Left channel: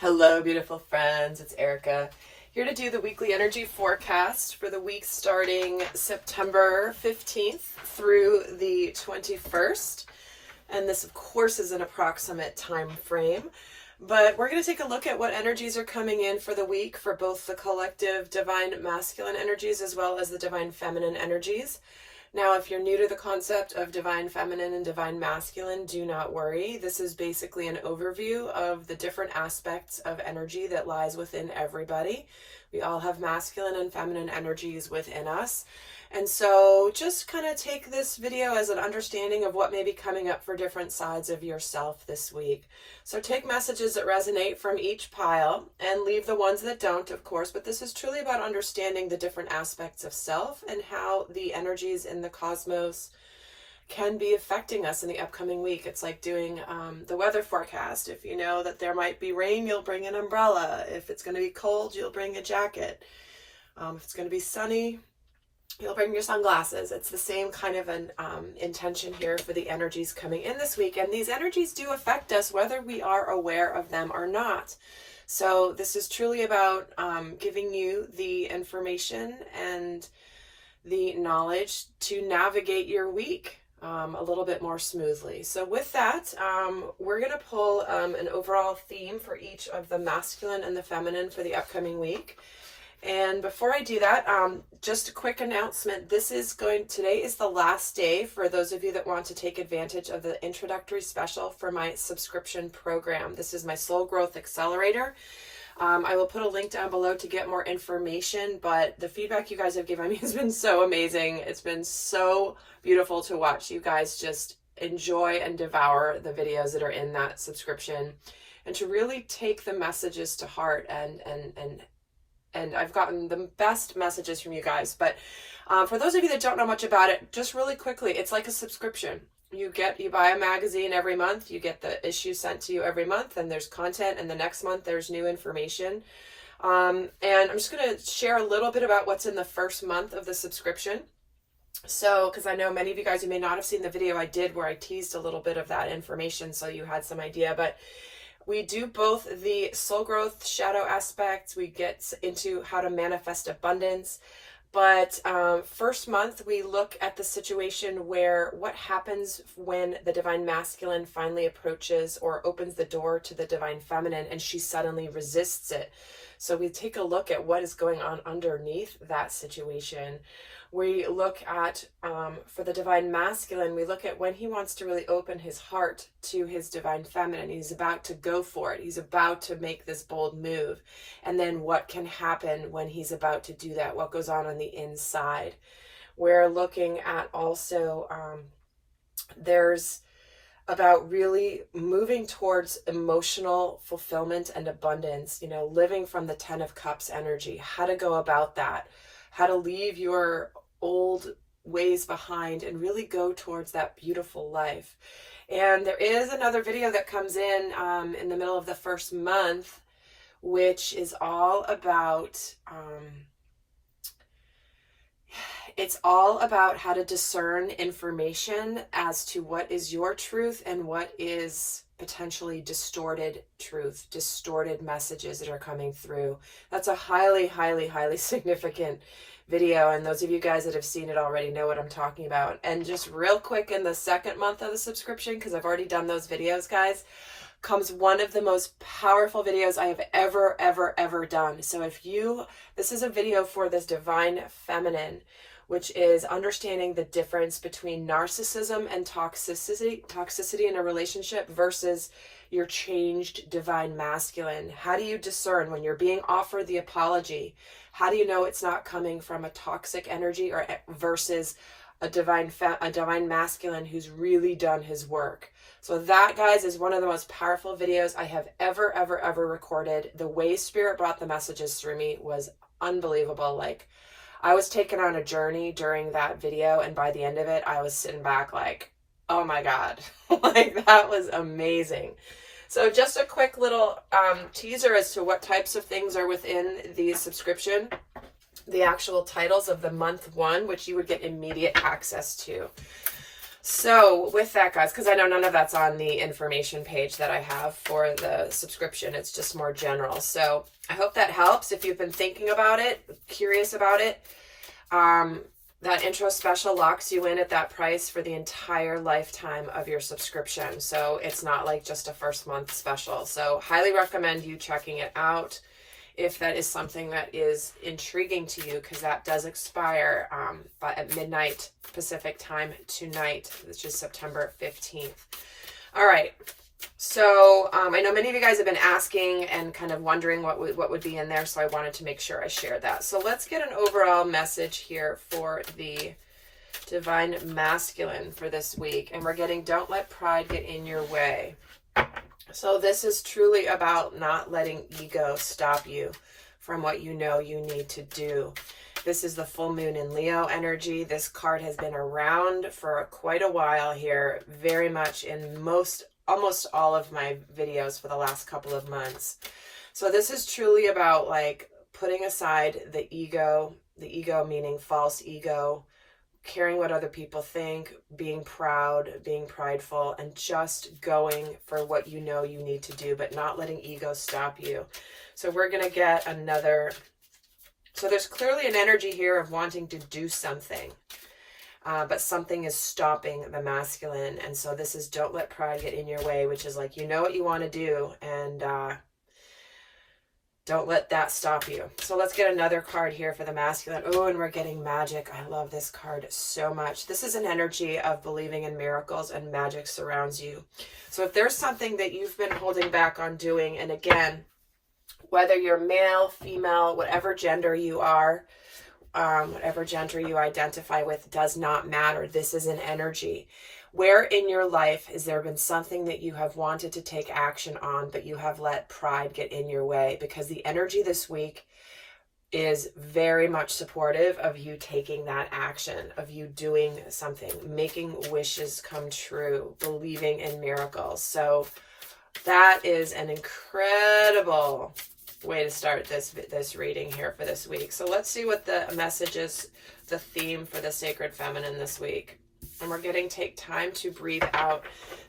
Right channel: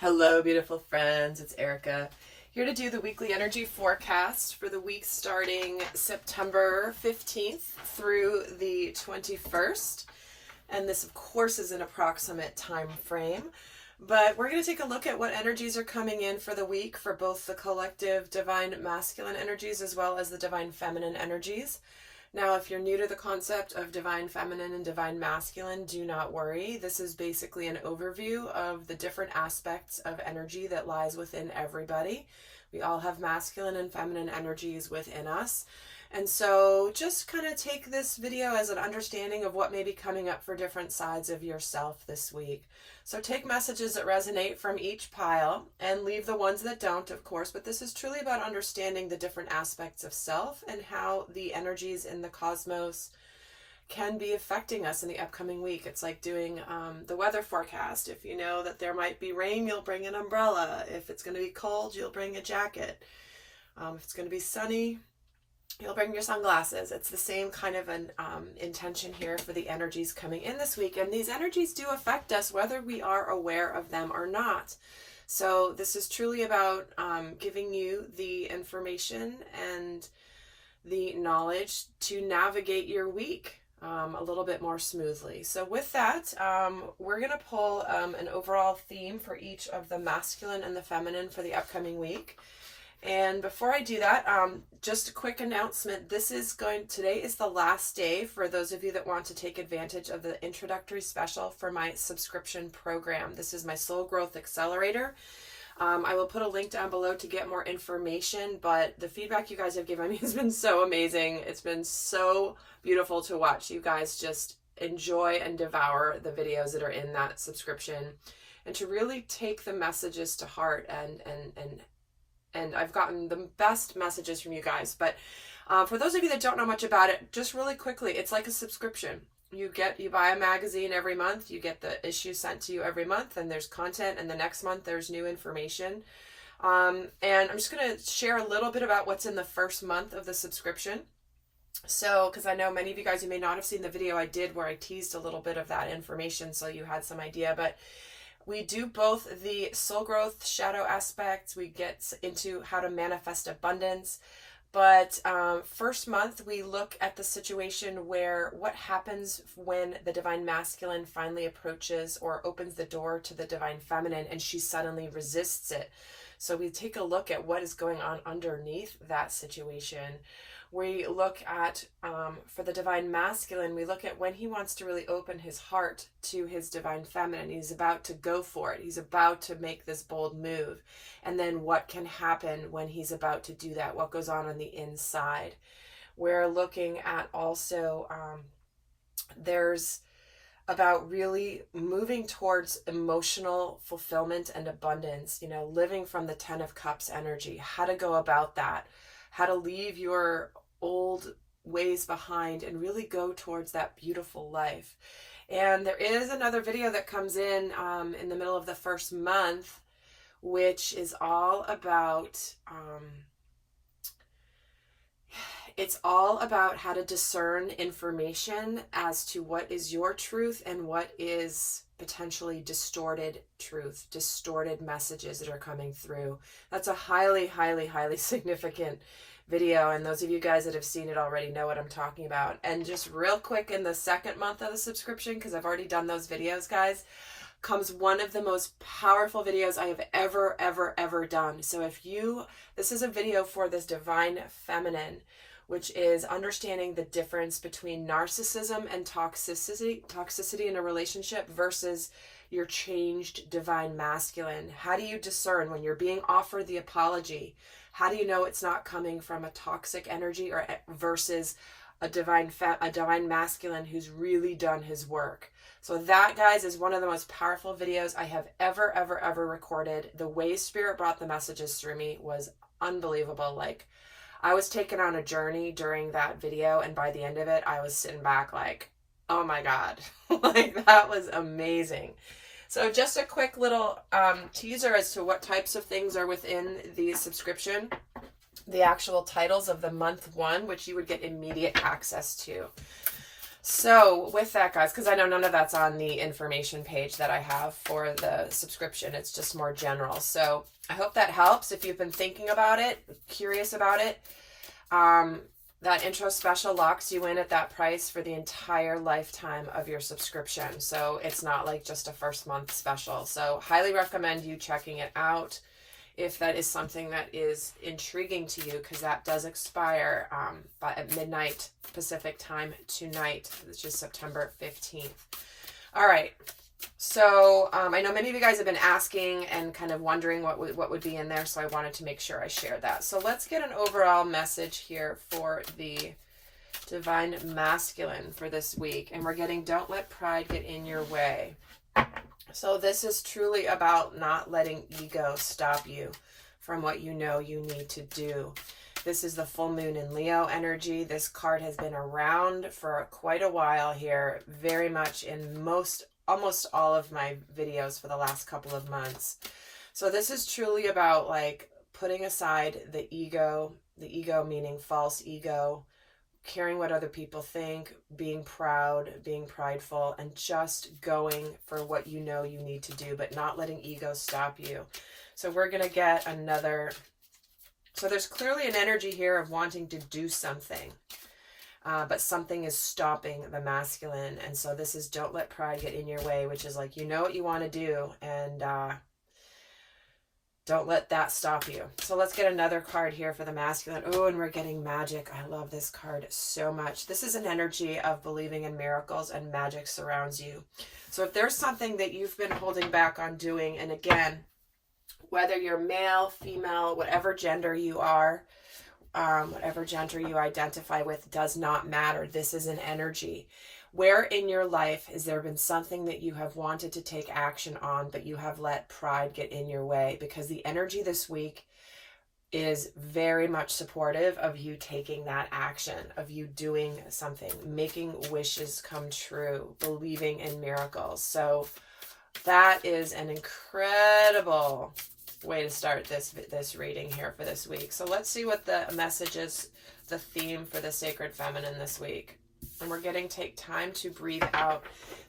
Hello, beautiful friends. It's Erika here to do the weekly energy forecast for the week starting September 15th through the 21st. And this, of course, is an approximate time frame. But we're going to take a look at what energies are coming in for the week for both the collective divine masculine energies as well as the divine feminine energies. Now, if you're new to the concept of divine feminine and divine masculine, do not worry. This is basically an overview of the different aspects of energy that lies within everybody. We all have masculine and feminine energies within us. And so just kind of take this video as an understanding of what may be coming up for different sides of yourself this week. So take messages that resonate from each pile and leave the ones that don't, of course, but this is truly about understanding the different aspects of self and how the energies in the cosmos can be affecting us in the upcoming week. It's like doing the weather forecast. If you know that there might be rain, you'll bring an umbrella. If it's going to be cold, you'll bring a jacket. If it's going to be sunny, you'll bring your sunglasses. It's the same kind of an intention here for the energies coming in this week. And these energies do affect us whether we are aware of them or not. So this is truly about giving you the information and the knowledge to navigate your week a little bit more smoothly. So with that, we're going to pull an overall theme for each of the masculine and the feminine for the upcoming week. And before I do that, just a quick announcement. Today is the last day for those of you that want to take advantage of the introductory special for my subscription program. This is my Soul Growth Accelerator. I will put a link down below to get more information, but the feedback you guys have given me has been so amazing. It's been so beautiful to watch you guys just enjoy and devour the videos that are in that subscription and to really take the messages to heart and I've gotten the best messages from you guys. But for those of you that don't know much about it, just really quickly, it's like a subscription. You buy a magazine every month, you get the issue sent to you every month, and there's content, and the next month there's new information. And I'm just going to share a little bit about what's in the first month of the subscription. So, because I know many of you guys, you may not have seen the video I did where I teased a little bit of that information, so you had some idea, but we do both the soul growth shadow aspects. We get into how to manifest abundance. But first month, we look at the situation where what happens when the divine masculine finally approaches or opens the door to the divine feminine and she suddenly resists it. So we take a look at what is going on underneath that situation. We look at, for the divine masculine, we look at when he wants to really open his heart to his divine feminine. He's about to go for it. He's about to make this bold move. And then what can happen when he's about to do that? What goes on the inside? We're looking at also, there's about really moving towards emotional fulfillment and abundance, living from the 10 of Cups energy, how to go about that, how to leave your old ways behind and really go towards that beautiful life. And there is another video that comes in the middle of the first month, which is all about how to discern information as to what is your truth and what is potentially distorted truth, distorted messages that are coming through. That's a highly, highly, highly significant video, and those of you guys that have seen it already know what I'm talking about. And just real quick, in the second month of the subscription, because I've already done those videos, guys, comes one of the most powerful videos I have ever done. So this is a video for this divine feminine, which is understanding the difference between narcissism and toxicity in a relationship versus your changed divine masculine. How do you discern when you're being offered the apology? How do you know it's not coming from a toxic energy or versus a divine masculine who's really done his work? So that, guys, is one of the most powerful videos I have ever recorded. The way Spirit brought the messages through me was unbelievable. Like, I was taken on a journey during that video, and by the end of it, I was sitting back like, oh my God, like that was amazing. So just a quick little teaser as to what types of things are within the subscription. The actual titles of the month one, which you would get immediate access to. So with that, guys, because I know none of that's on the information page that I have for the subscription, it's just more general. So I hope that helps. If you've been thinking about it, curious about it, that intro special locks you in at that price for the entire lifetime of your subscription. So it's not like just a first month special. So highly recommend you checking it out if that is something that is intriguing to you, because that does expire at midnight Pacific time tonight, which is September 15th. All right. So I know many of you guys have been asking and kind of wondering what would be in there, so I wanted to make sure I shared that. So let's get an overall message here for the Divine Masculine for this week. And we're getting, don't let pride get in your way. So this is truly about not letting ego stop you from what you know you need to do. This is the full moon in Leo energy. This card has been around for quite a while here, very much in almost all of my videos for the last couple of months. So this is truly about like putting aside the ego meaning false ego, caring what other people think, being proud, being prideful, and just going for what you know you need to do, but not letting ego stop you. So we're going to get another. So there's clearly an energy here of wanting to do something, but something is stopping the masculine. And so this is don't let pride get in your way, which is like, you know what you want to do, and don't let that stop you. So let's get another card here for the masculine. Oh, and we're getting magic. I love this card so much. This is an energy of believing in miracles, and magic surrounds you. So if there's something that you've been holding back on doing, and again, whether you're male, female, whatever gender you are, whatever gender you identify with, does not matter. This is an energy. Where in your life has there been something that you have wanted to take action on, but you have let pride get in your way? Because the energy this week is very much supportive of you taking that action, of you doing something, making wishes come true, believing in miracles. So that is an incredible way to start this reading here for this week. So let's see what the message is, the theme for the Sacred Feminine this week. And we're getting take time to breathe out.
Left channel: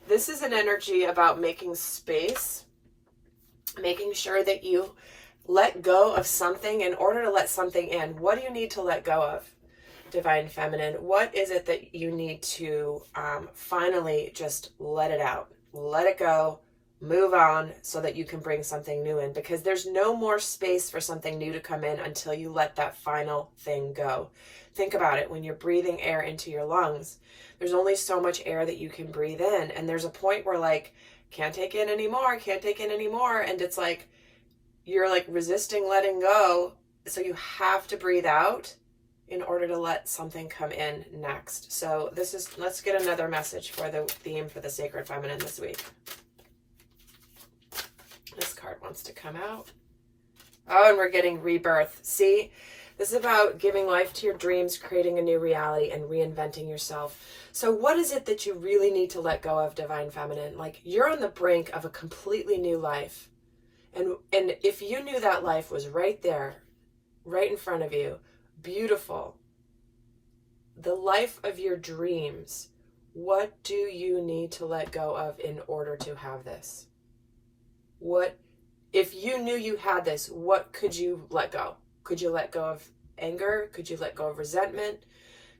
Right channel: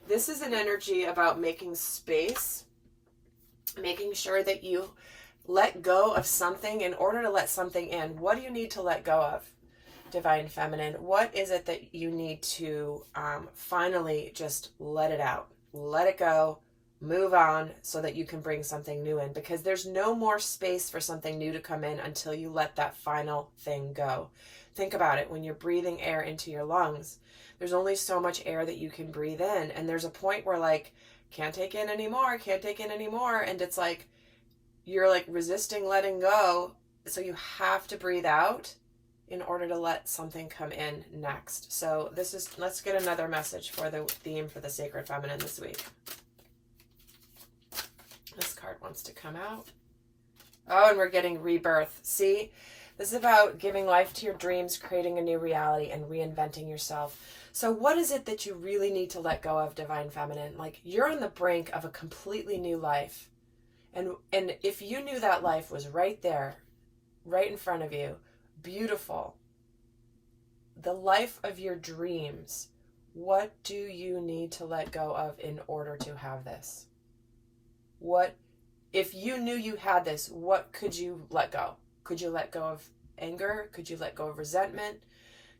This is an energy about making space, making sure that you let go of something in order to let something in. What do you need to let go of, Divine Feminine? What is it that you need to finally just let it out, let it go, move on, so that you can bring something new in? Because there's no more space for something new to come in until you let that final thing go. Think about it. When you're breathing air into your lungs, there's only so much air that you can breathe in. And there's a point where like, can't take in anymore, can't take in anymore. And it's like, you're like resisting letting go. So you have to breathe out in order to let something come in next. So let's get another message for the theme for the Sacred Feminine this week. This card wants to come out. Oh, and we're getting rebirth. See? This is about giving life to your dreams, creating a new reality, and reinventing yourself. So what is it that you really need to let go of, Divine Feminine? Like, you're on the brink of a completely new life. And if you knew that life was right there, right in front of you, beautiful, the life of your dreams, what do you need to let go of in order to have this? What, if you knew you had this, what could you let go? Could you let go of anger? Could you let go of resentment?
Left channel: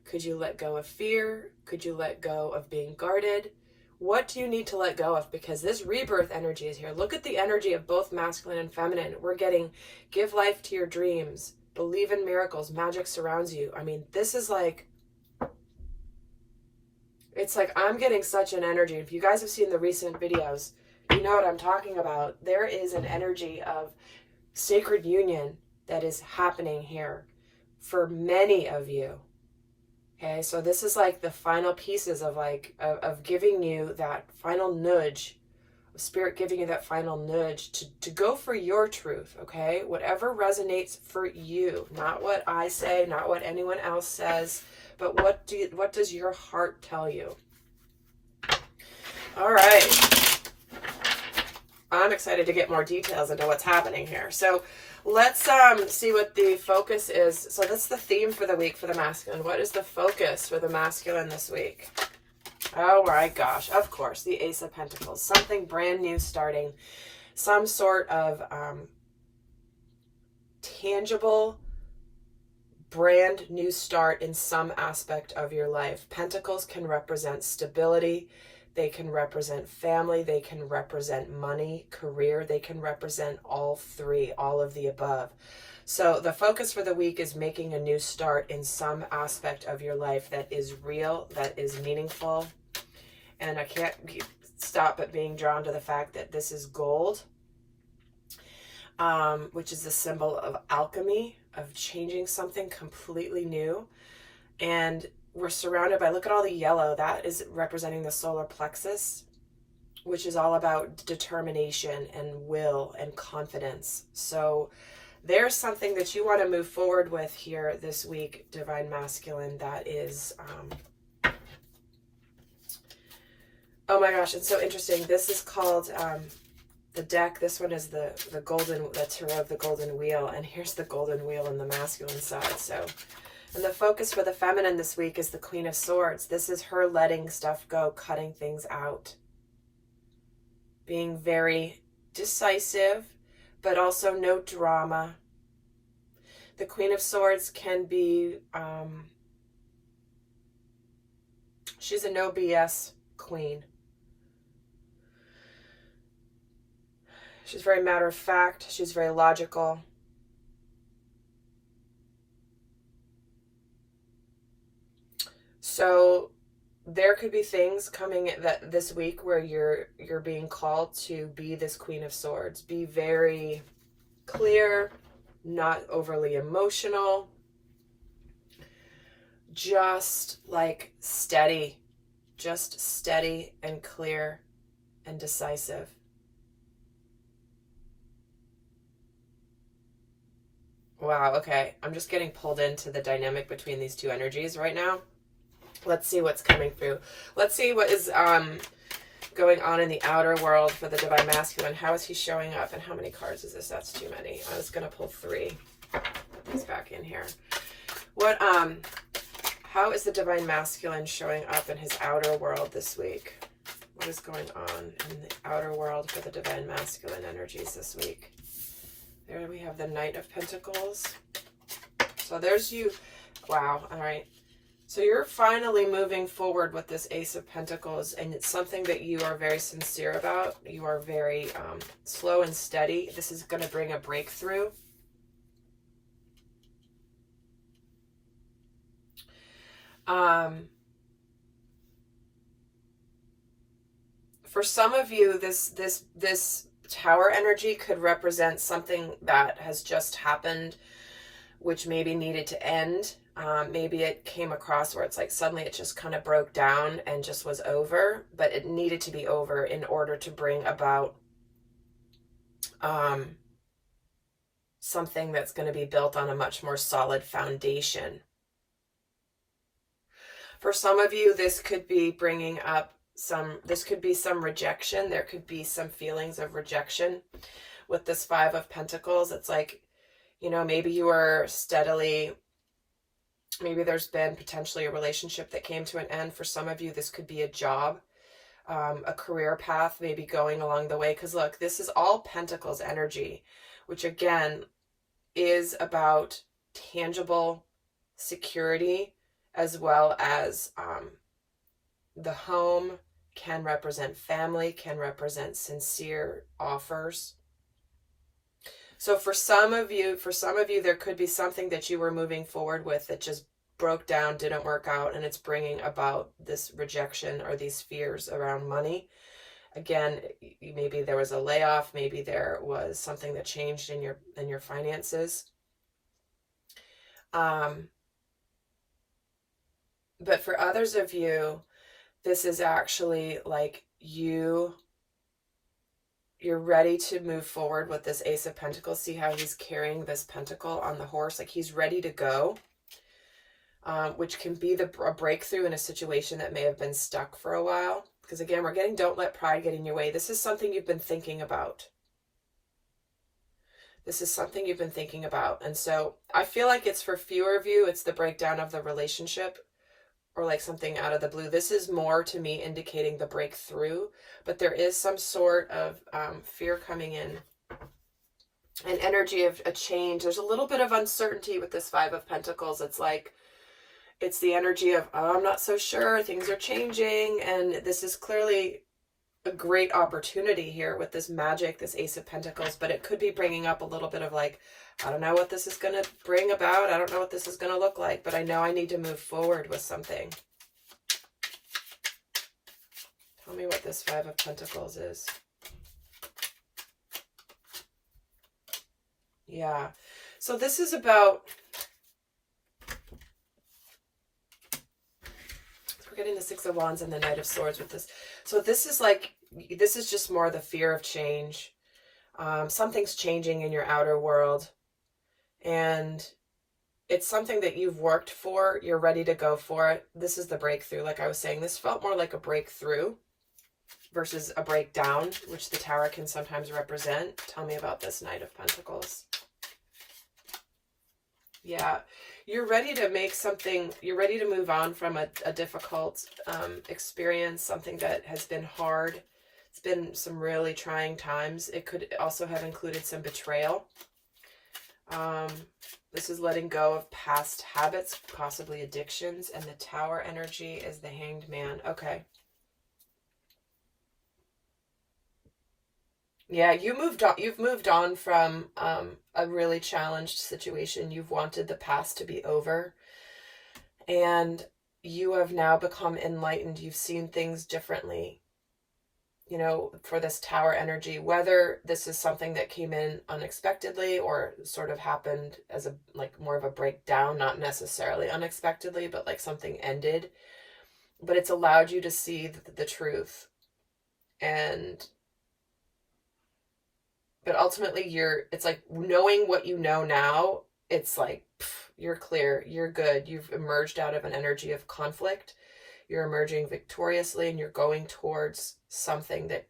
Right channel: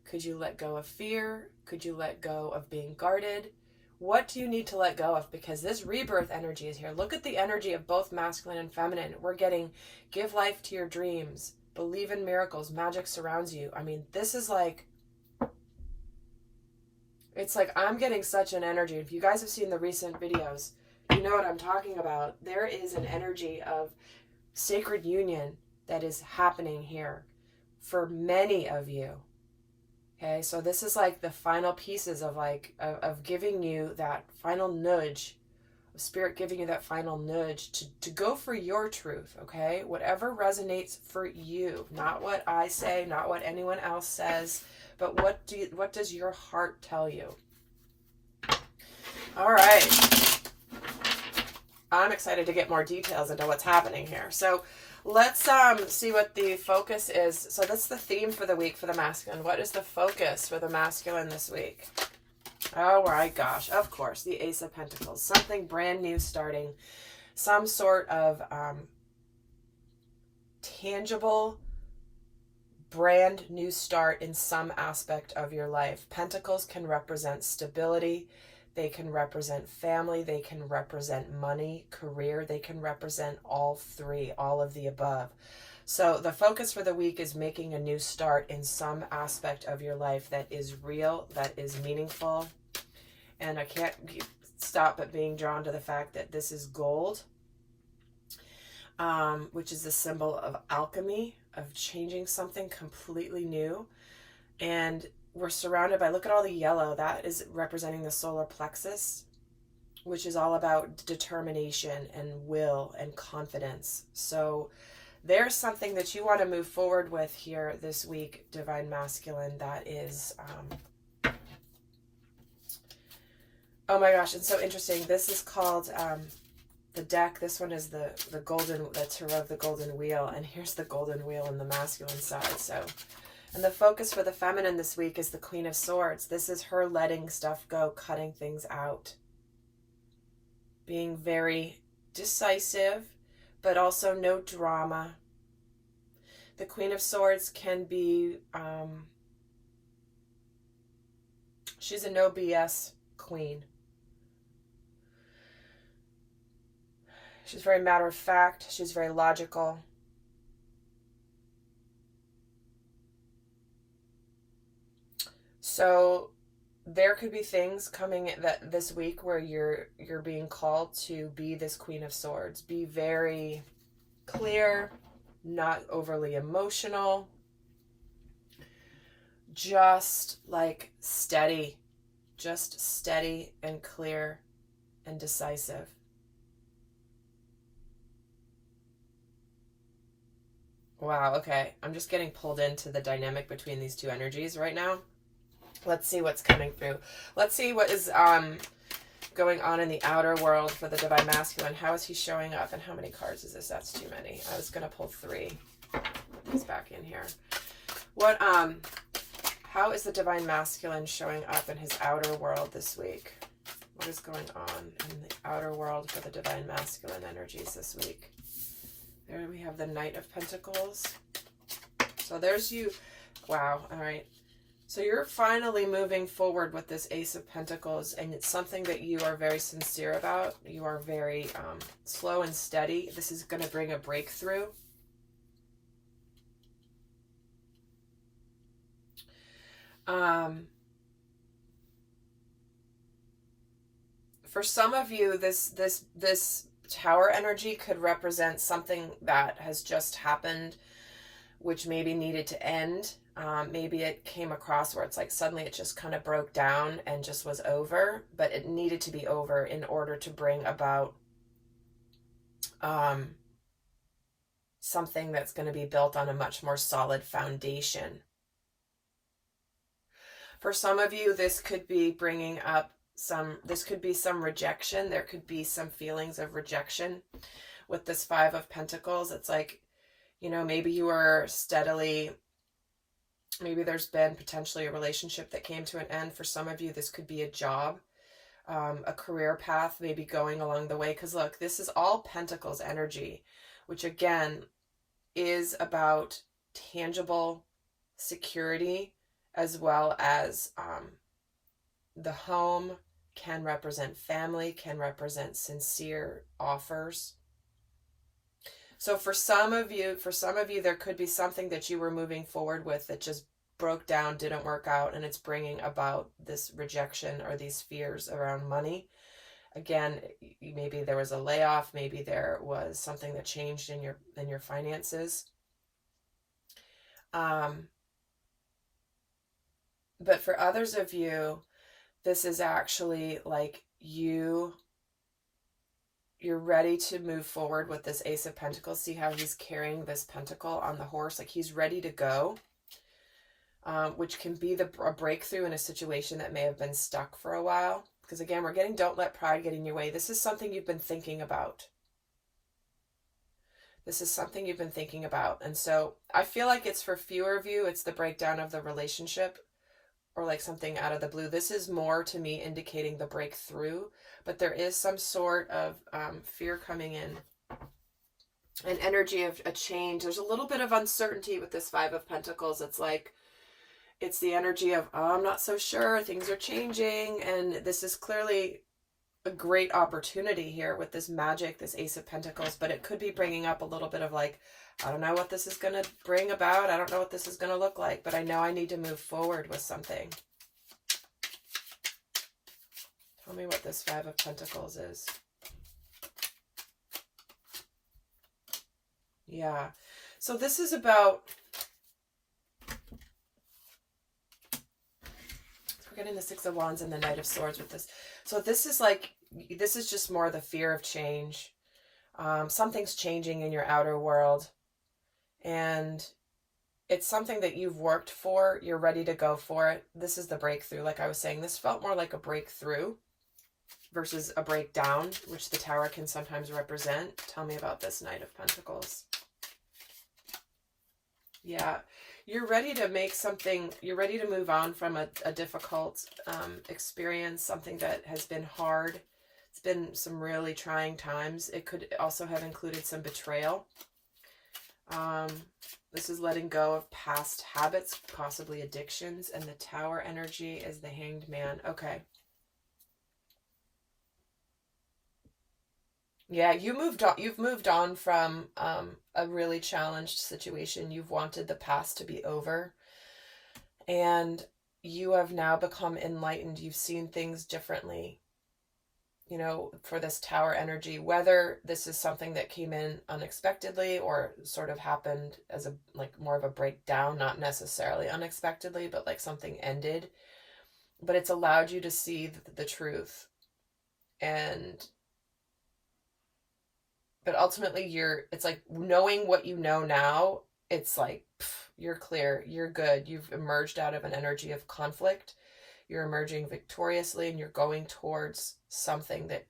Could you let go of fear? Could you let go of being guarded? What do you need to let go of? Because this rebirth energy is here. Look at the energy of both masculine and feminine. We're getting give life to your dreams, believe in miracles, magic surrounds you. I mean, this is like, it's like I'm getting such an energy. If you guys have seen the recent videos, you know what I'm talking about. There is an energy of sacred union that is happening here for many of you. Okay, so this is like the final pieces of like of giving you that final nudge, Spirit giving you that final nudge to go for your truth. Okay, whatever resonates for you, not what I say, not what anyone else says, but what does your heart tell you? All right, I'm excited to get more details into what's happening here. So let's see what the focus is. So that's the theme for the week for the masculine. What is the focus for the masculine this week? Oh my gosh, of course, the Ace of Pentacles. Something brand new starting. Some sort of tangible, brand new start in some aspect of your life. Pentacles can represent stability. They can represent family. They can represent money, career. They can represent all three, all of the above. So the focus for the week is making a new start in some aspect of your life that is real, that is meaningful. And I can't stop but being drawn to the fact that this is gold, which is a symbol of alchemy, of changing something completely new. And we're surrounded by, look at all the yellow, that is representing the solar plexus, which is all about determination and will and confidence. So there's something that you want to move forward with here this week, Divine Masculine, that is, oh my gosh, it's so interesting. This is called the deck. This one is the Tarot of the Golden Wheel, and here's the Golden Wheel on the masculine side. So, and the focus for the feminine this week is the Queen of Swords. This is her letting stuff go, cutting things out, being very decisive, but also no drama. The Queen of Swords can be, she's a no BS queen. She's very matter of fact. She's very logical. So there could be things coming that this week where you're being called to be this Queen of Swords. Be very clear, not overly emotional, just like steady, just steady and clear and decisive. Wow, okay. I'm just getting pulled into the dynamic between these two energies right now. Let's see what's coming through. Let's see what is going on in the outer world for the Divine Masculine. How is he showing up, and how many cards is this? That's too many. I was going to pull 3. He's back in here. What how is the Divine Masculine showing up in his outer world this week? What is going on in the outer world for the Divine Masculine energies this week? There we have the Knight of Pentacles. So there's you. Wow. All right. So you're finally moving forward with this Ace of Pentacles, and it's something that you are very sincere about. You are very slow and steady. This is going to bring a breakthrough. For some of you, this Tower energy could represent something that has just happened, which maybe needed to end. Maybe it came across where it's like suddenly it just kind of broke down and just was over, but it needed to be over in order to bring about something that's going to be built on a much more solid foundation. For some of you, this could be bringing up this could be some rejection. There could be some feelings of rejection with this 5 of Pentacles. It's like, you know, maybe you are steadily, maybe there's been potentially a relationship that came to an end. For some of you, this could be a job, a career path, maybe going along the way. Because look, this is all Pentacles energy, which again is about tangible security, as well as the home, can represent family, can represent sincere offers. So for some of you, there could be something that you were moving forward with that just broke down, didn't work out, and it's bringing about this rejection or these fears around money. Again, maybe there was a layoff, maybe there was something that changed in your finances. But for others of you, this is actually like you're ready to move forward with this Ace of Pentacles. See how he's carrying this pentacle on the horse? Like he's ready to go, which can be a breakthrough in a situation that may have been stuck for a while. Because again, we're getting don't let pride get in your way. This is something you've been thinking about. This is something you've been thinking about. And so I feel like it's for fewer of you, it's the breakdown of the relationship. or like something out of the blue. This is more to me indicating the breakthrough, but there is some sort of fear coming in, an energy of a change. There's a little bit of uncertainty with this Five of Pentacles. It's like, it's the energy of, oh, I'm not so sure, things are changing, and this is clearly a great opportunity here with this magic, this Ace of Pentacles, but it could be bringing up a little bit of like, I don't know what this is going to bring about. I don't know what this is going to look like, but I know I need to move forward with something. Tell me what this Five of Pentacles is. Yeah. So this is about, we're getting the Six of Wands and the Knight of Swords with this. So this is like, this is just more the fear of change. Something's changing in your outer world. And it's something that you've worked for. You're ready to go for it. This is the breakthrough. Like I was saying, this felt more like a breakthrough versus a breakdown, which the Tower can sometimes represent. Tell me about this Knight of Pentacles. Yeah, you're ready to make something, you're ready to move on from a difficult experience, something that has been hard. It's been some really trying times. It could also have included some betrayal. This is letting go of past habits, possibly addictions, and the Tower energy is the Hanged Man. Okay. Yeah, you've moved on from a really challenged situation. You've wanted the past to be over, and you have now become enlightened. You've seen things differently, you know, for this Tower energy, whether this is something that came in unexpectedly or sort of happened as a, like, more of a breakdown, not necessarily unexpectedly, but like something ended, but it's allowed you to see the truth. And but ultimately it's like knowing what you know now, it's like, pff, you're clear, you're good. You've emerged out of an energy of conflict. You're emerging victoriously, and you're going towards something that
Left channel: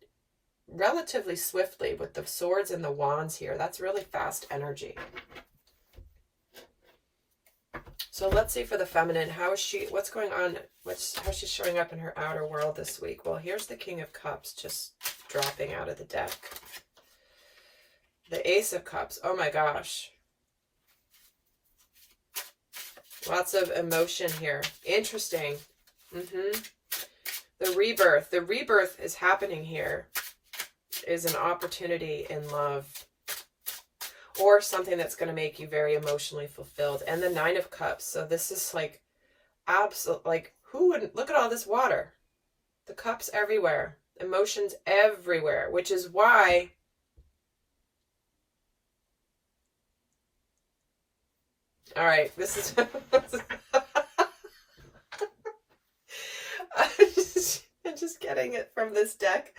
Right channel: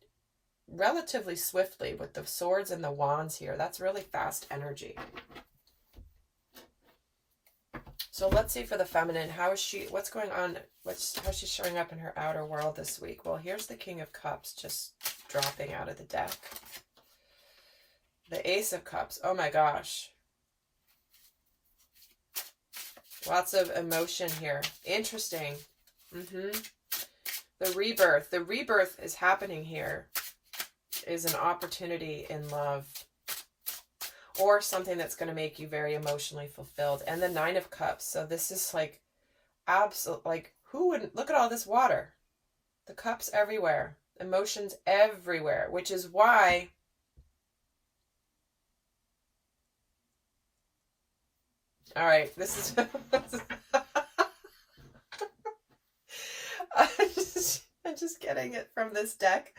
relatively swiftly with the swords and the wands here. That's really fast energy. So let's see for the feminine. How is she, what's going on? How's she showing up in her outer world this week? Well, here's the King of Cups just dropping out of the deck. The Ace of Cups. Oh my gosh. Lots of emotion here. Interesting. The rebirth. The rebirth is happening here. Is an opportunity in love. Or something that's going to make you very emotionally fulfilled. And the Nine of Cups. So this is like, absolute, like, who wouldn't, look at all this water. The cups everywhere. Emotions everywhere. Which is why all right, this is I'm just getting it from this deck.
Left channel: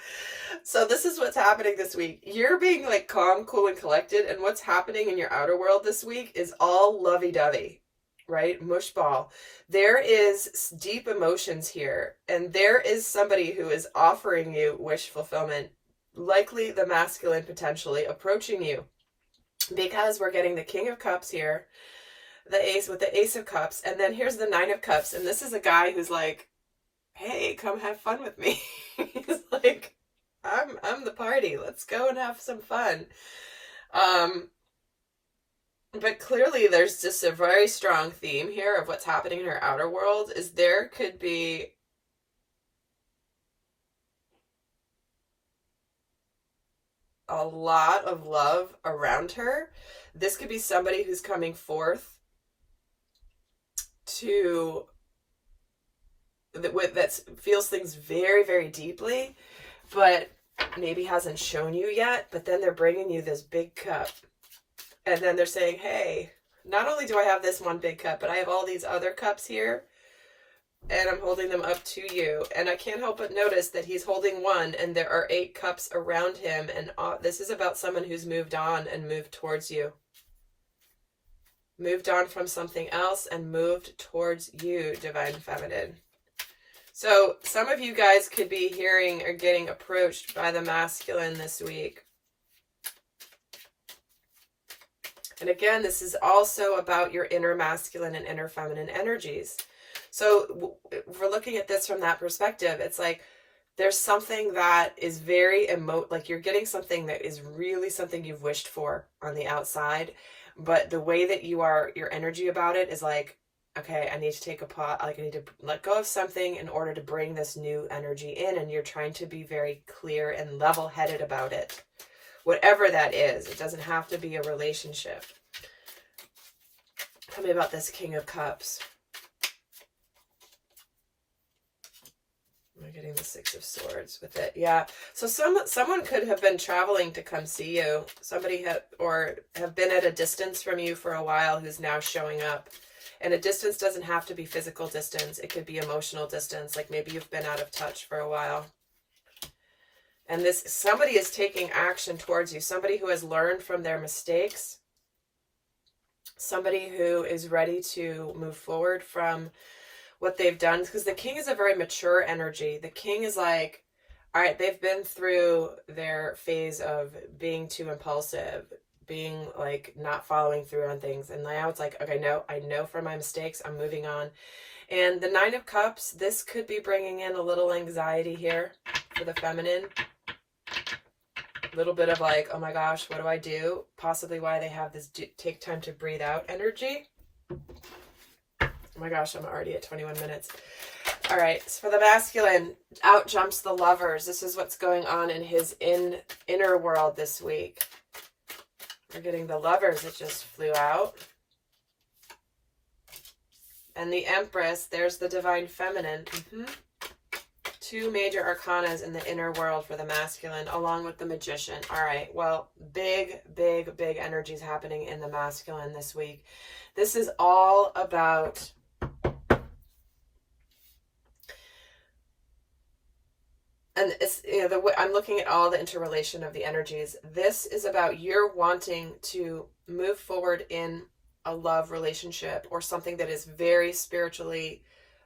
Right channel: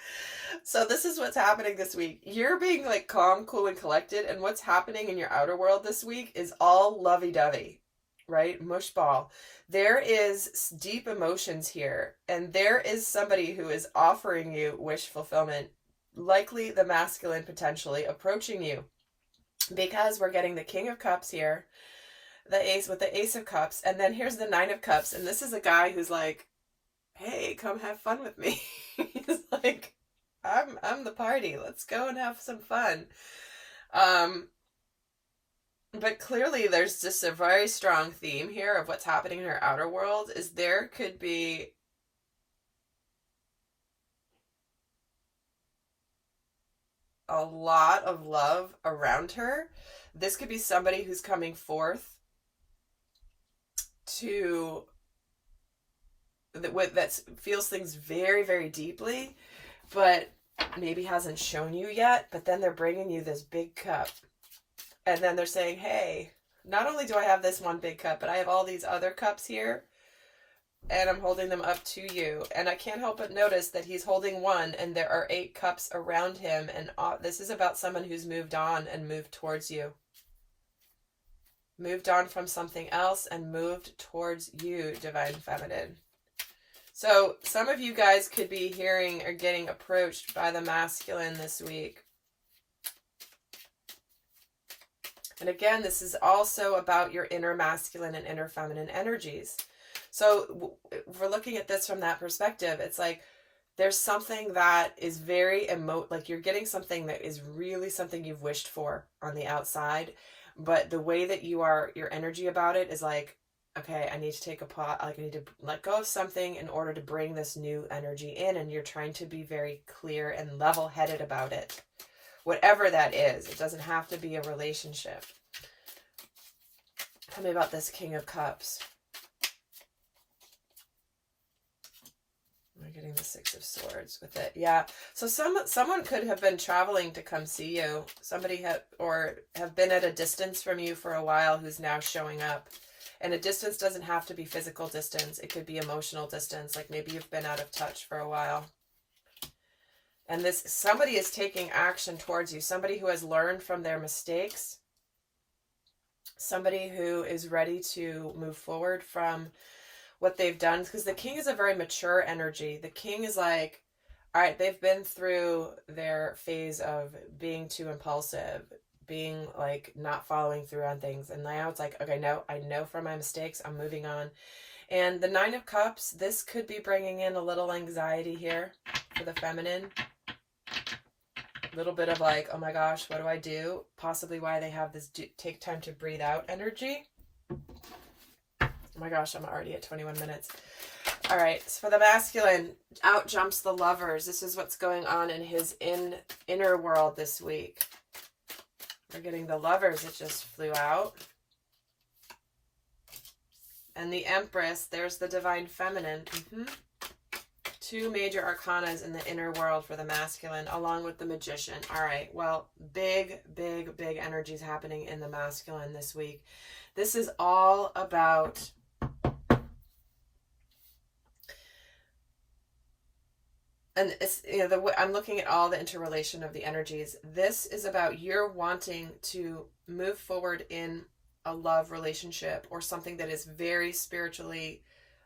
So this is what's happening this week. You're being like calm, cool, and collected, and what's happening in your outer world this week is all lovey-dovey, right? Mushball. There is deep emotions here, and there is somebody who is offering you wish fulfillment, likely the masculine potentially approaching you, because we're getting the King of Cups here, the Ace with the Ace of Cups, and then here's the Nine of Cups, and this is a guy who's like, hey, come have fun with me. He's like, I'm the party, let's go and have some fun. But clearly there's just a very strong theme here of what's happening in her outer world. Is there could be a lot of love around her. This could be somebody who's coming forth to that feels things very, very deeply, but maybe hasn't shown you yet. But then they're bringing you this big cup, and then they're saying, hey, not only do I have this one big cup, but I have all these other cups here, and I'm holding them up to you. And I can't help but notice that he's holding one, and there are 8 cups around him, and this is about someone who's moved on and moved towards you. Moved on from something else and moved towards you, Divine Feminine. So some of you guys could be hearing or getting approached by the masculine this week. And again, this is also about your inner masculine and inner feminine energies. So if we're looking at this from that perspective, it's like there's something that is very like you're getting something that is really something you've wished for on the outside, but the way that your energy about it is like, okay, I need to take a pause, like I need to let go of something in order to bring this new energy in, and you're trying to be very clear and level-headed about it. Whatever that is, it doesn't have to be a relationship. Tell me about this King of Cups. We're getting the Six of Swords with it. Yeah. So someone could have been traveling to come see you. Somebody have been at a distance from you for a while who's now showing up. And a distance doesn't have to be physical distance. It could be emotional distance. Like maybe you've been out of touch for a while. And somebody is taking action towards you. Somebody who has learned from their mistakes. Somebody who is ready to move forward from what they've done. Because the King is a very mature energy. The King is like, all right, they've been through their phase of being too impulsive, being like not following through on things, and now it's like, okay, no, I know from my mistakes, I'm moving on. And the Nine of Cups, this could be bringing in a little anxiety here for the feminine, a little bit of like, oh my gosh, what do I do? Possibly why they have this take time to breathe out energy. Oh my gosh, I'm already at 21 minutes. All right, so for the masculine, out jumps the Lovers. This is what's going on in his inner world this week. We're getting the Lovers that just flew out. And the Empress, there's the Divine Feminine. Two major arcanas in the inner world for the masculine, along with the Magician. All right, well, big energies happening in the masculine this week. This is all about and it's, you know, I'm looking at all the interrelation of the energies. This is about you're wanting to move forward in a love relationship or something that is very spiritually,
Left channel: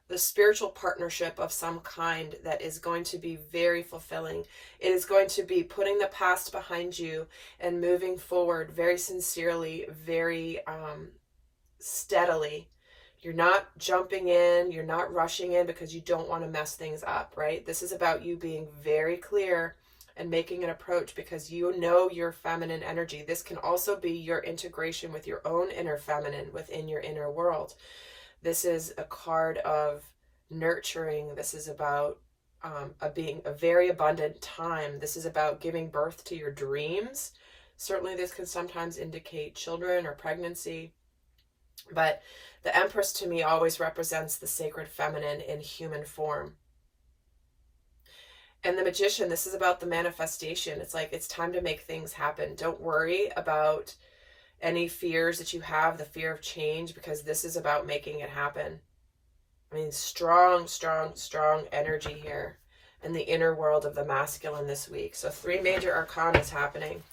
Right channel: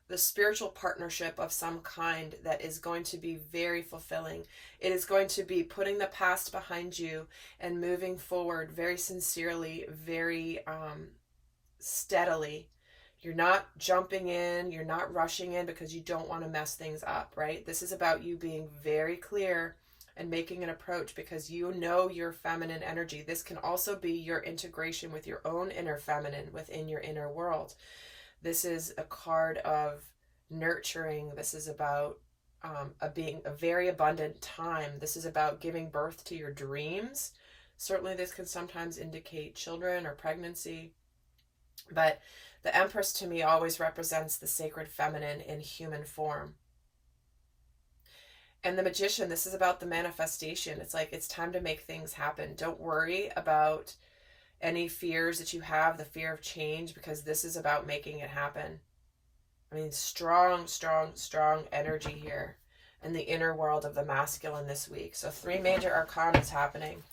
the spiritual partnership of some kind that is going to be very fulfilling. It is going to be putting the past behind you and moving forward very sincerely, very steadily. You're not jumping in, you're not rushing in because you don't want to mess things up, right? This is about you being very clear and making an approach because you know your feminine energy. This can also be your integration with your own inner feminine within your inner world. This is a card of nurturing. This is about being a very abundant time. This is about giving birth to your dreams. Certainly this can sometimes indicate children or pregnancy, but the Empress to me always represents the sacred feminine in human form. And the Magician, this is about the manifestation. It's like, it's time to make things happen. Don't worry about any fears that you have, the fear of change, because this is about making it happen. I mean, strong energy here in the inner world of the masculine this week. So 3 major arcanas happening,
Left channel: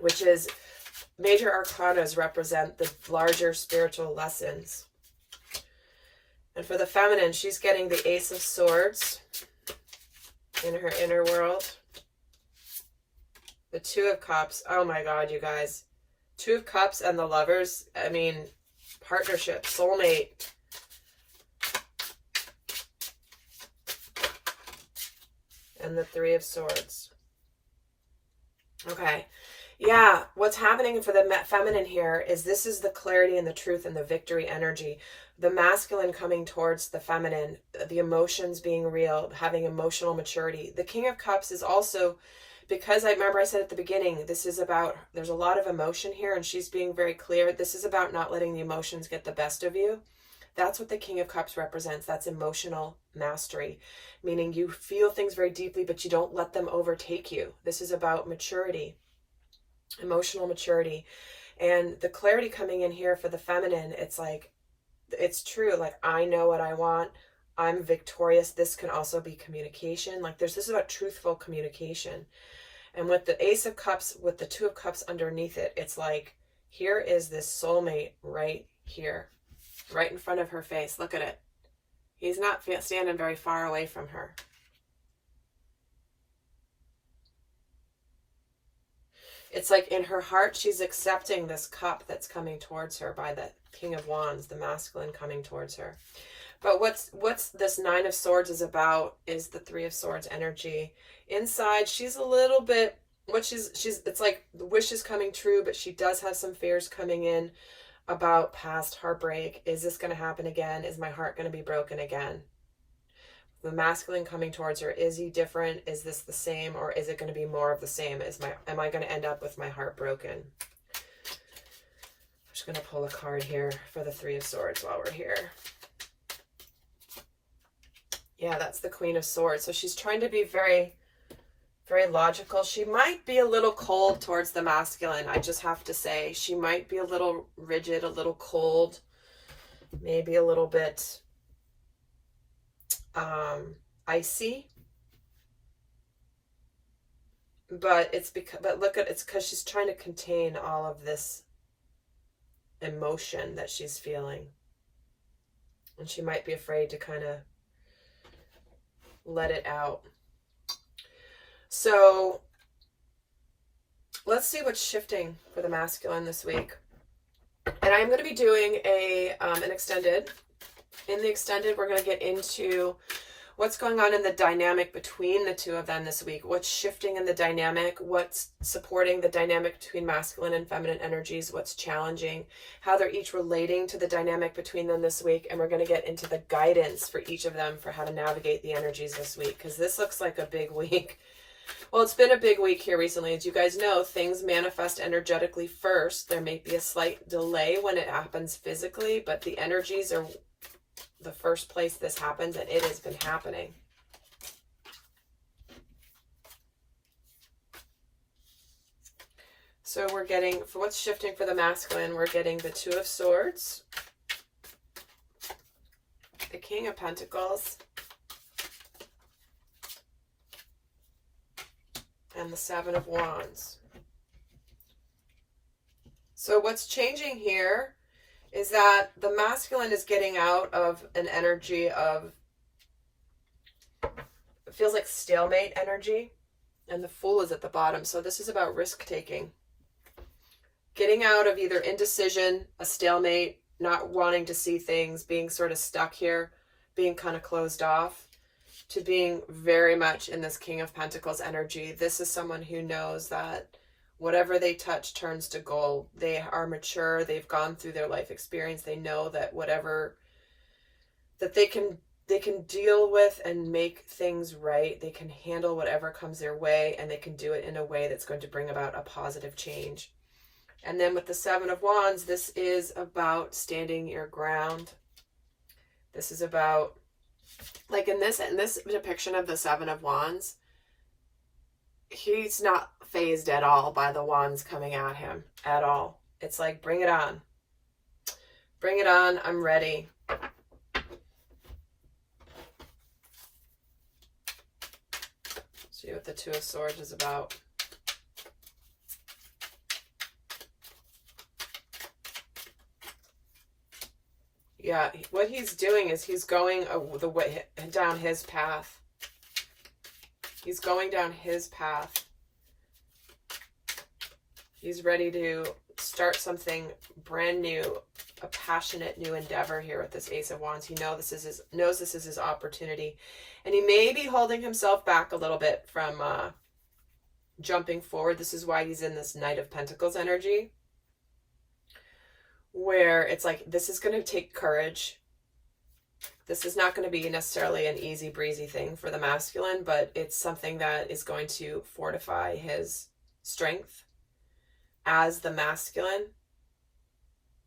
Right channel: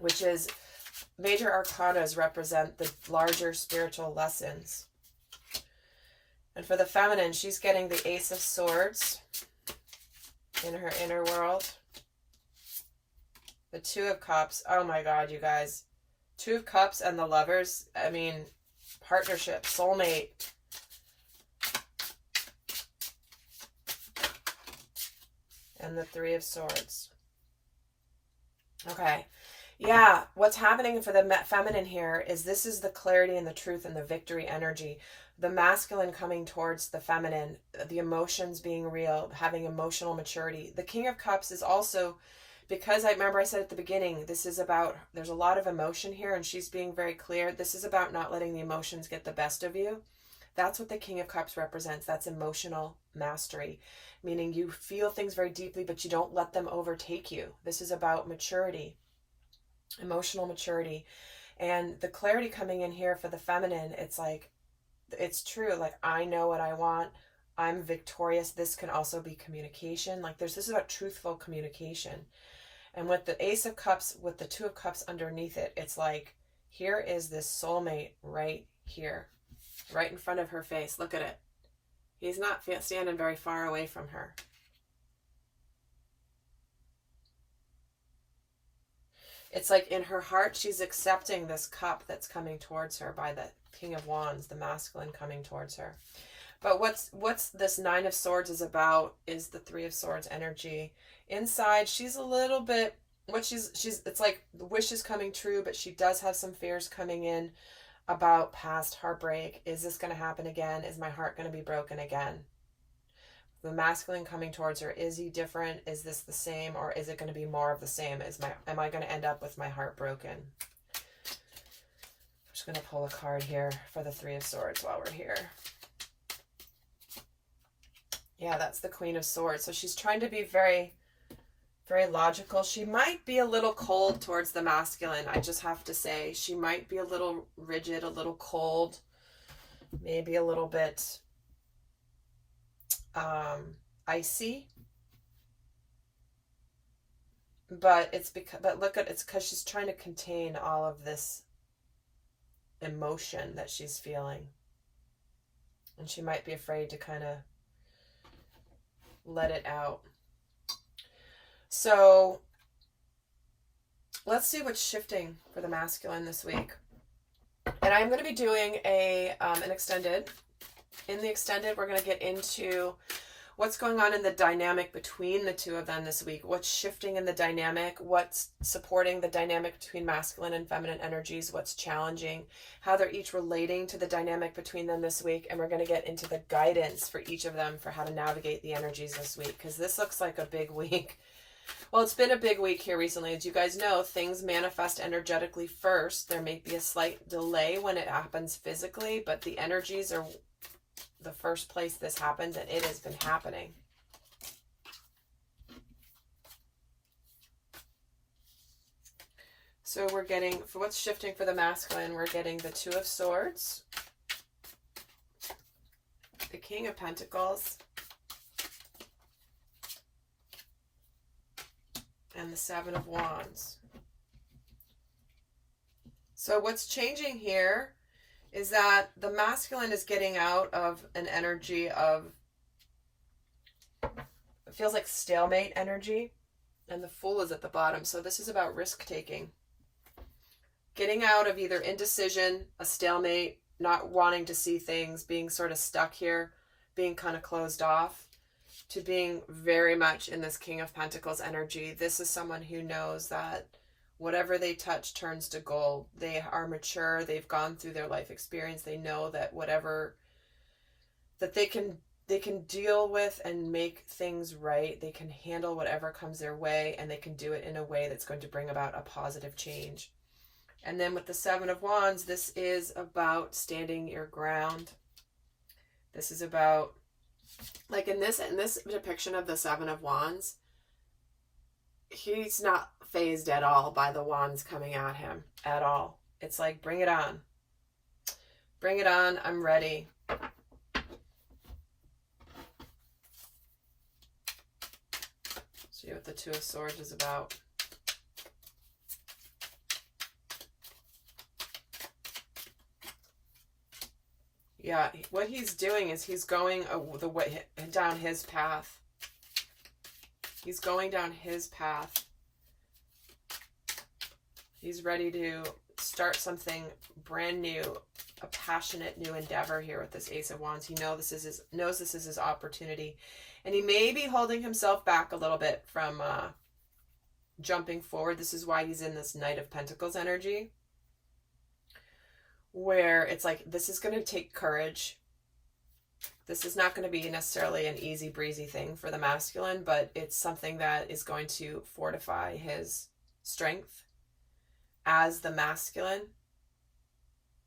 which is major arcanas represent the larger spiritual lessons. And for the feminine, she's getting the Ace of Swords in her inner world. The Two of Cups. Oh my God, you guys. Two of Cups and the Lovers. I mean, partnership, soulmate. And the Three of Swords. Okay. Yeah, what's happening for the feminine here is this is the clarity and the truth and the victory energy. The masculine coming towards the feminine, the emotions being real, having emotional maturity. The King of Cups is also, because I remember I said at the beginning, this is about, there's a lot of emotion here and she's being very clear. This is about not letting the emotions get the best of you. That's what the King of Cups represents. That's emotional mastery, meaning you feel things very deeply, but you don't let them overtake you. This is about maturity. Emotional maturity. And the clarity coming in here for the feminine, it's like, it's true, like I know what I want, I'm victorious. This can also be communication, like this is about truthful communication. And with the Ace of Cups, with the Two of Cups underneath it, it's like, here is this soulmate right here, right in front of her face. Look at it. He's not standing very far away from her. It's like in her heart, she's accepting this cup that's coming towards her by King of Wands, the masculine coming towards her. But what's this Nine of Swords is about is the Three of Swords energy. Inside, she's a little bit, it's like the wish is coming true, but she does have some fears coming in about past heartbreak. Is this going to happen again? Is my heart going to be broken again? The masculine coming towards her, is he different? Is this the same, or is it going to be more of the same? Am I going to end up with my heart broken? I'm just going to pull a card here for the Three of Swords while we're here. Yeah, that's the Queen of Swords. So she's trying to be very, very logical. She might be a little cold towards the masculine. I just have to say, she might be a little rigid, a little cold, maybe a little bit icy. But it's because she's trying to contain all of this emotion that she's feeling. And she might be afraid to kind of let it out. So let's see what's shifting for the masculine this week. And I'm going to be doing an extended. In the extended, we're going to get into what's going on in the dynamic between the two of them this week. What's shifting in the dynamic? What's supporting the dynamic between masculine and feminine energies? What's challenging? How they're each relating to the dynamic between them this week. And we're going to get into the guidance for each of them for how to navigate the energies this week, because this looks like a big week. Well, it's been a big week here recently. As you guys know, things manifest energetically first. There may be a slight delay when it happens physically, but the energies are the first place this happens, and it has been happening. So we're getting, for what's shifting for the masculine, we're getting the Two of Swords, the King of Pentacles, and the Seven of Wands. So what's changing here is that the masculine is getting out of an energy of, it feels like stalemate energy, and the Fool is at the bottom. So this is about risk taking. Getting out of either indecision, a stalemate, not wanting to see things, being sort of stuck here, being kind of closed off, to being very much in this King of Pentacles energy. This is someone who knows that whatever they touch turns to gold. They are mature. They've gone through their life experience. They know that whatever, that they can deal with and make things right. They can handle whatever comes their way, and they can do it in a way that's going to bring about a positive change. And then with the Seven of Wands, this is about standing your ground. This is about, like in this depiction of the Seven of Wands, he's not phased at all by the wands coming at him at all. It's like, bring it on. Bring it on. I'm ready. See what the Two of Swords is about. Yeah, what he's doing is he's going the way down his path. He's going down his path. He's ready to start something brand new, a passionate new endeavor here with this Ace of Wands. He knows this is his opportunity. And he may be holding himself back a little bit from jumping forward. This is why he's in this Knight of Pentacles energy, where it's like, this is going to take courage. This is not going to be necessarily an easy breezy thing for the masculine, but it's something that is going to fortify his strength as the masculine,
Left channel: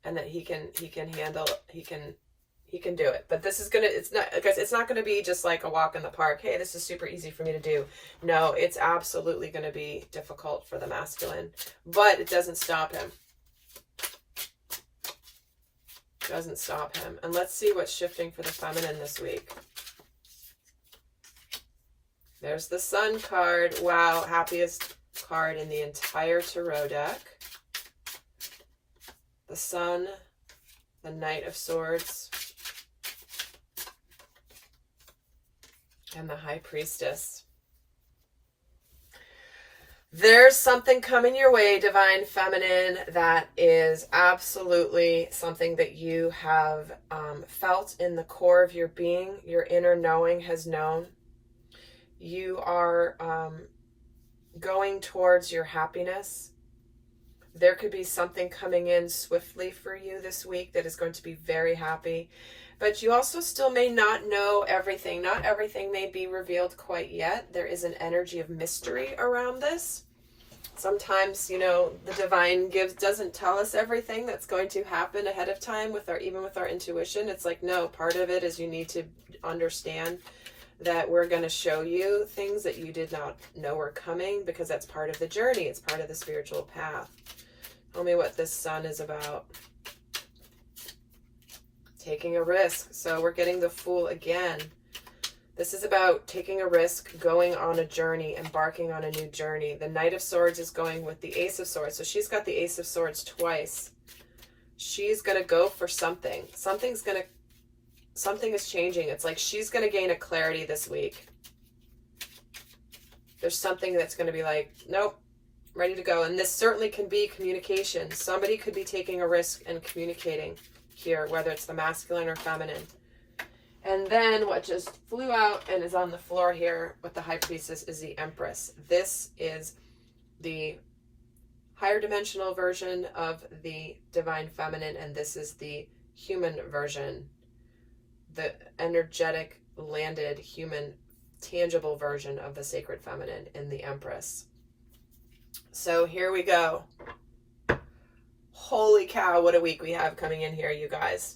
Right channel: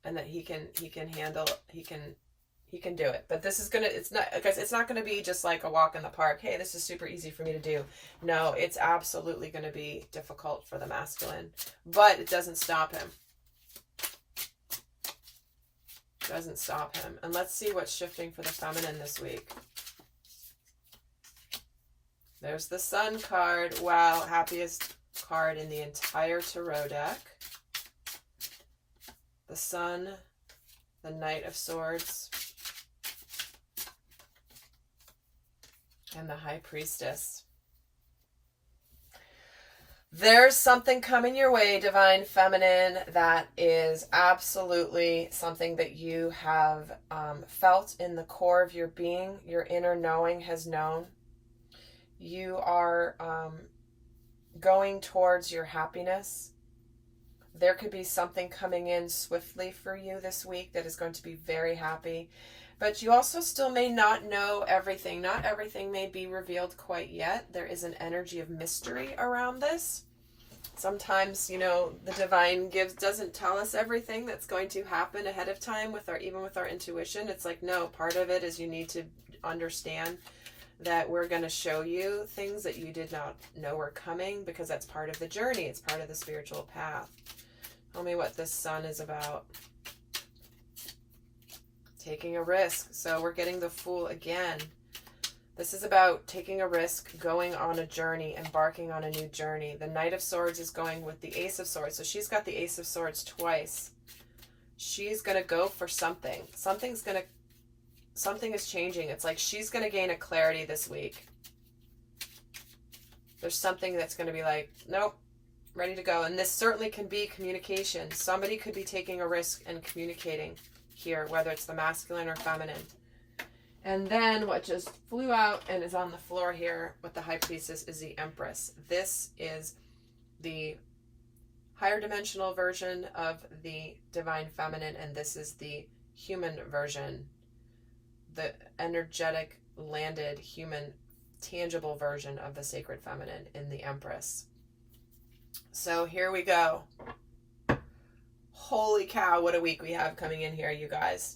and that he can handle, he can do it. But this is gonna, it's not gonna be just like a walk in the park. Hey, this is super easy for me to do. No, it's absolutely gonna be difficult for the masculine, but it doesn't stop him. Doesn't stop him. And let's see what's shifting for the feminine this week. There's the Sun card. Wow, happiest card in the entire tarot deck. The Sun, the Knight of Swords, and the High Priestess. There's something coming your way, Divine Feminine, that is absolutely something that you have felt in the core of your being. Your inner knowing has known. You are going towards your happiness. There could be something coming in swiftly for you this week that is going to be very happy. But you also still may not know everything. Not everything may be revealed quite yet. There is an energy of mystery around this. Sometimes, you know, the divine doesn't tell us everything that's going to happen ahead of time even with our intuition. It's like, no, part of it is you need to understand that we're going to show you things that you did not know were coming, because that's part of the journey. It's part of the spiritual path. Tell me what this sun is about. Taking a risk. So we're getting the Fool again. This is about taking a risk, going on a journey, embarking on a new journey. The Knight of Swords is going with the Ace of Swords. So she's got the Ace of Swords twice. She's going to go for something. Something is changing. It's like she's going to gain a clarity this week. There's something that's going to be like, nope, ready to go. And this certainly can be communication. Somebody could be taking a risk and communicating here, whether it's the masculine or feminine. And then what just flew out and is on the floor here with the High Priestess is the Empress. This is the higher dimensional version of the Divine Feminine, and this is the human version, the energetic, landed, human, tangible version of the Sacred Feminine in the Empress. So here we go. Holy cow, what a week we have coming in here, you guys.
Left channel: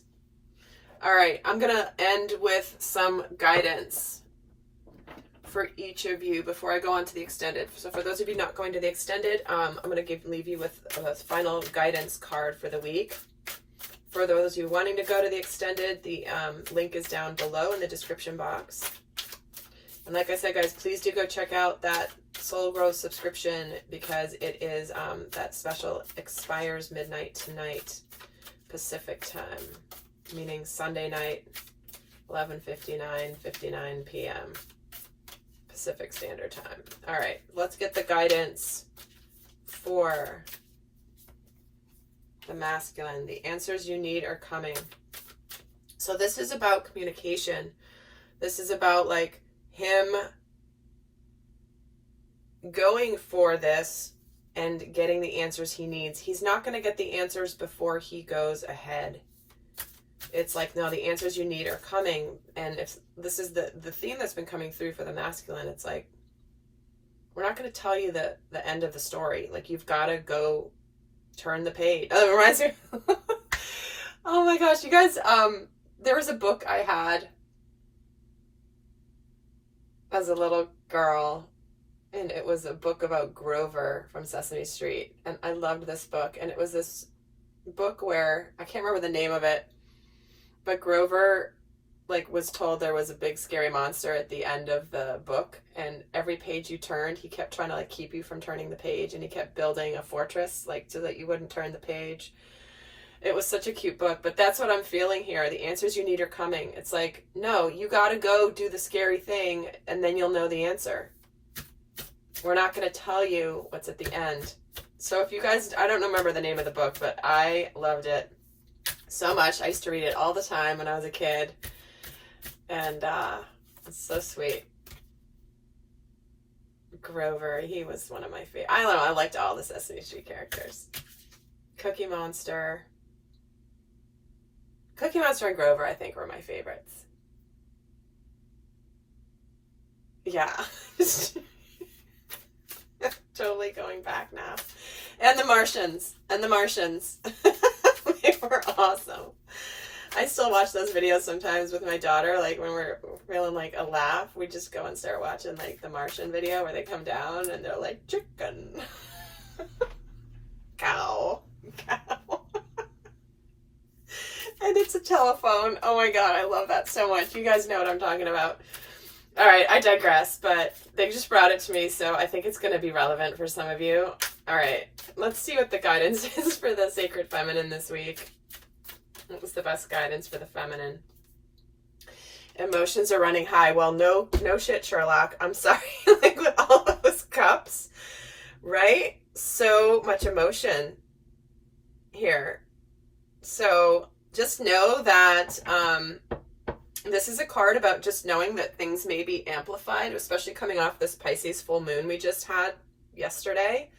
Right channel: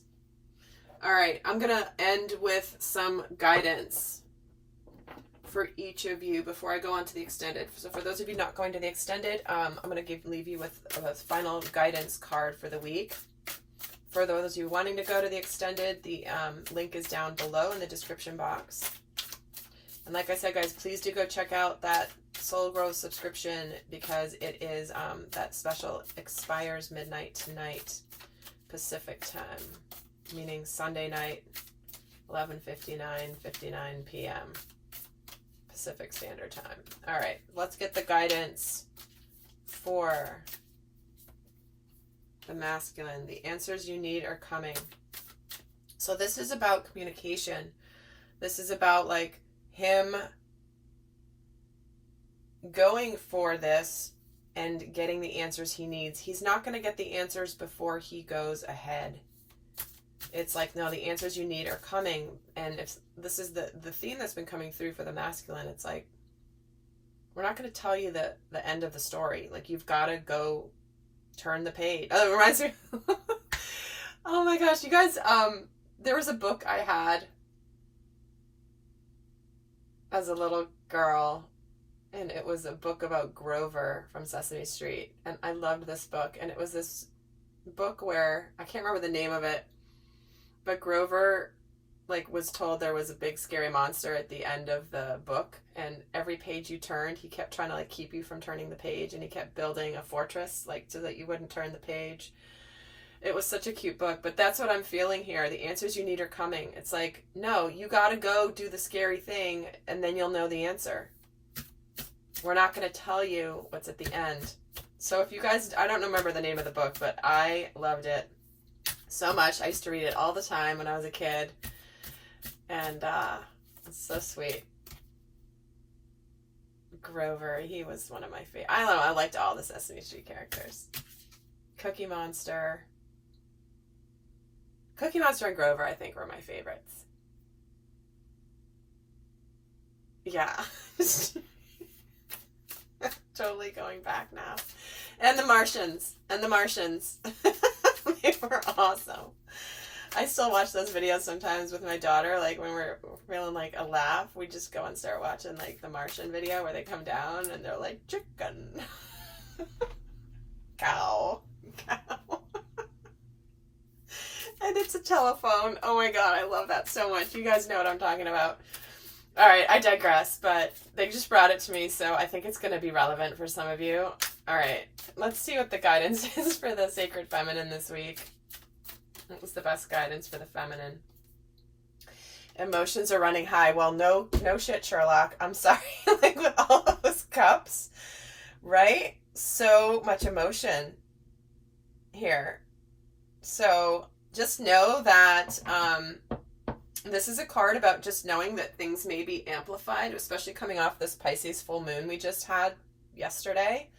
All right, I'm going to end with some guidance for each of you before I go on to the extended. So for those of you not going to the extended, I'm going to leave you with a final guidance card for the week. For those of you wanting to go to the extended, the link is down below in the description box. And like I said, guys, please do go check out that Soul Growth subscription, because it is that special expires midnight tonight Pacific time, meaning Sunday night, 11:59 p.m. Pacific Standard Time. All right, let's get the guidance for the masculine. The answers you need are coming. So this is about communication. This is about like him going for this and getting the answers he needs. He's not going to get the answers before he goes ahead. It's like, no, the answers you need are coming. And if this is the theme that's been coming through for the masculine, it's like, we're not going to tell you the end of the story. Like, you've got to go turn the page. Oh, it reminds me. Oh my gosh, you guys, there was a book I had as a little girl, and it was a book about Grover from Sesame Street, and I loved this book. And it was this book where, I can't remember the name of it, but Grover like was told there was a big scary monster at the end of the book, and every page you turned, he kept trying to like keep you from turning the page, and he kept building a fortress like so that you wouldn't turn the page. It was such a cute book, but that's what I'm feeling here. The answers you need are coming. It's like, no, you got to go do the scary thing, and then you'll know the answer. We're not going to tell you what's at the end. So if you guys, I don't remember the name of the book, but I loved it so much. I used to read it all the time when I was a kid, and it's so sweet. Grover, he was one of my favorite. I don't know, I liked all the Sesame Street characters. Cookie Monster and Grover, I think, were my favorites. Yeah. Totally going back now. And the Martians. They were awesome. I still watch those videos sometimes with my daughter, like when we're feeling like a laugh, we just go and start watching like the Martian video where they come down and they're like, chicken. Cow. And it's a telephone. Oh my god, I love that so much. You guys know what I'm talking about. All right, I digress, but they just brought it to me, so I think it's going to be relevant for some of you. All right, let's see what the guidance is for the Sacred Feminine this week. What was the best guidance for the feminine? Emotions are running high. Well, no shit, Sherlock. I'm sorry. Like with all those cups, right? So much emotion here. So just know that this is a card about just knowing that things may be amplified, especially coming off this Pisces full moon we just had yesterday.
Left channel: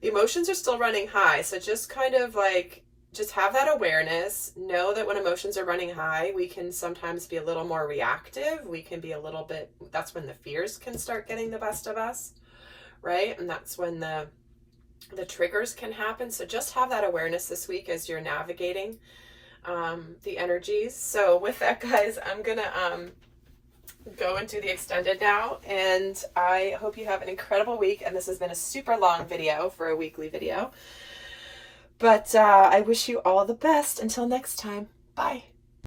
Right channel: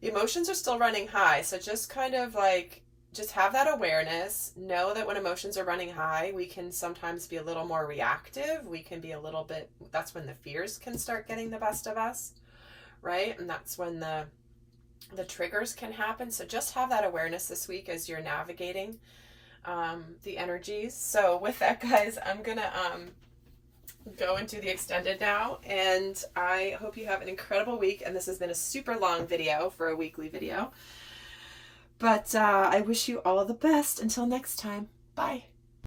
The emotions are still running high, so just kind of like, just have that awareness. Know that when emotions are running high, we can sometimes be a little more reactive. We can be a little bit, that's when the fears can start getting the best of us, right? And that's when the triggers can happen. So just have that awareness this week as you're navigating the energies. So with that, guys, I'm gonna go into the extended now, and I hope you have an incredible week. And this has been a super long video for a weekly video, but I wish you all the best. Until next time, bye.